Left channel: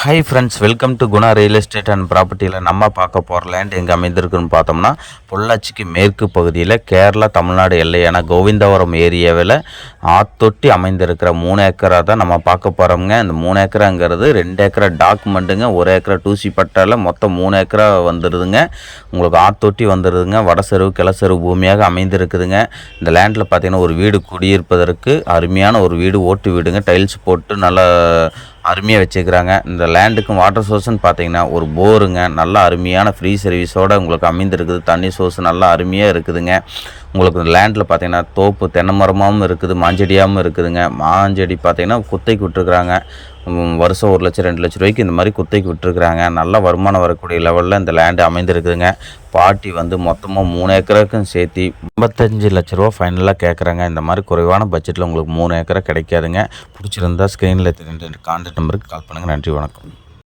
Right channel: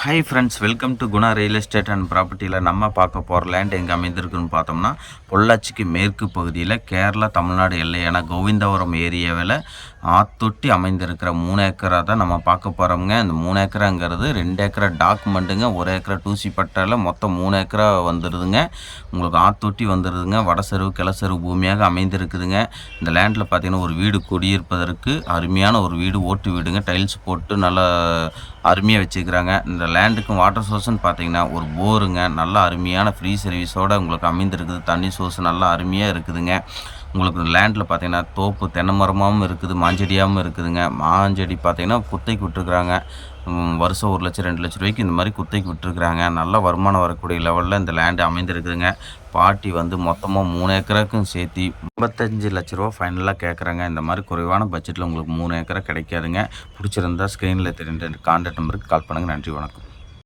Hi friends, welcome to Guna real estate and ப்ராப்பர்ட்டியில் நம்ம பார்க்க போகிற லேண்ட் எங்கே அமைந்திருக்குன்னு பார்த்தோம்னா, பொள்ளாச்சிக்கு மேற்கு பகுதியில் கேரளா தமிழ்நாடு எல்லையான கோவிந்தபுரம் ஏரியாவில் ஆத்தொட்டி அமைந்திருக்கிற 3 ஏக்கரா தான் நம்ம பார்க்க போகிறோம்ங்க. இந்த 3 ஏக்கராங்கிறது 2 ஏக்கரா டாக்குமெண்ட்டுங்க, 1 ஏக்கரா டூசி பட்டாவில் மொத்தம் 3 ஏக்கரா வந்துடுதுங்க. உங்களுக்கு ஆத்தொட்டி வந்துடுதுங்க. வடசெருவு கிழசெருவு பூமியாக அமைந்திருக்குதுங்க. இந்த லேண்டில் பார்த்தீங்கன்னா ஒரு வீடு குடியிருப்பதற்கு அருமையான ஒரு வீடு, ஓட்டு வீடுங்க, டைல்ஸ் போட்டு நல்லா அருமையாக வச்சுக்கிறாங்க. இந்த லேண்டுக்கும் வாட்டர் சோர்ஸ்ன்னு பார்த்தீங்கன்னா ஒரு போருங்க, நல்லா அருமையான ஃப்ரீ சர்வீஸோடு உங்களுக்கு அமைந்திருக்குது. தண்ணி சோர்ஸ் நல்லா அருமையாக இருக்குதுங்க. உங்களுக்கு இந்த லேண்டில் பார்த்தீங்கன்னா தோப்பு தென்னை மரமாகவும் இருக்குது, மாஞ்செடியாகவும் இருக்குதுங்க. மாஞ்செடி பார்த்தீங்கன்னா குத்தைக்கு விட்டுருக்குறாங்க. வருஷம் 1 லட்சம் 2 லட்ச ரூபாய்க்கு இந்த மாதிரி குத்தைக்கு விட்டுருக்குறாங்க. நல்ல வருமானம் வரக்கூடிய லெவலில் இந்த லேண்டு அமைந்திருக்குதுங்க. பாட்டி மொத்தமாக 3 ஏக்கருக்கும் சேர்த்து 55 லட்ச ரூபா ஃபைனலாக கேட்குறாங்க. இந்த மாதிரி குறைவான பட்ஜெட்டில் உங்களுக்கு 3 ஏக்கரா கிடைக்காதுங்க. பிடிச்சிருந்தா ஸ்க்ரீனில் தெரிந்த கான்டாக்ட் நம்பருக்கு கால் பண்ணுங்கள். நன்றி, வணக்கம்.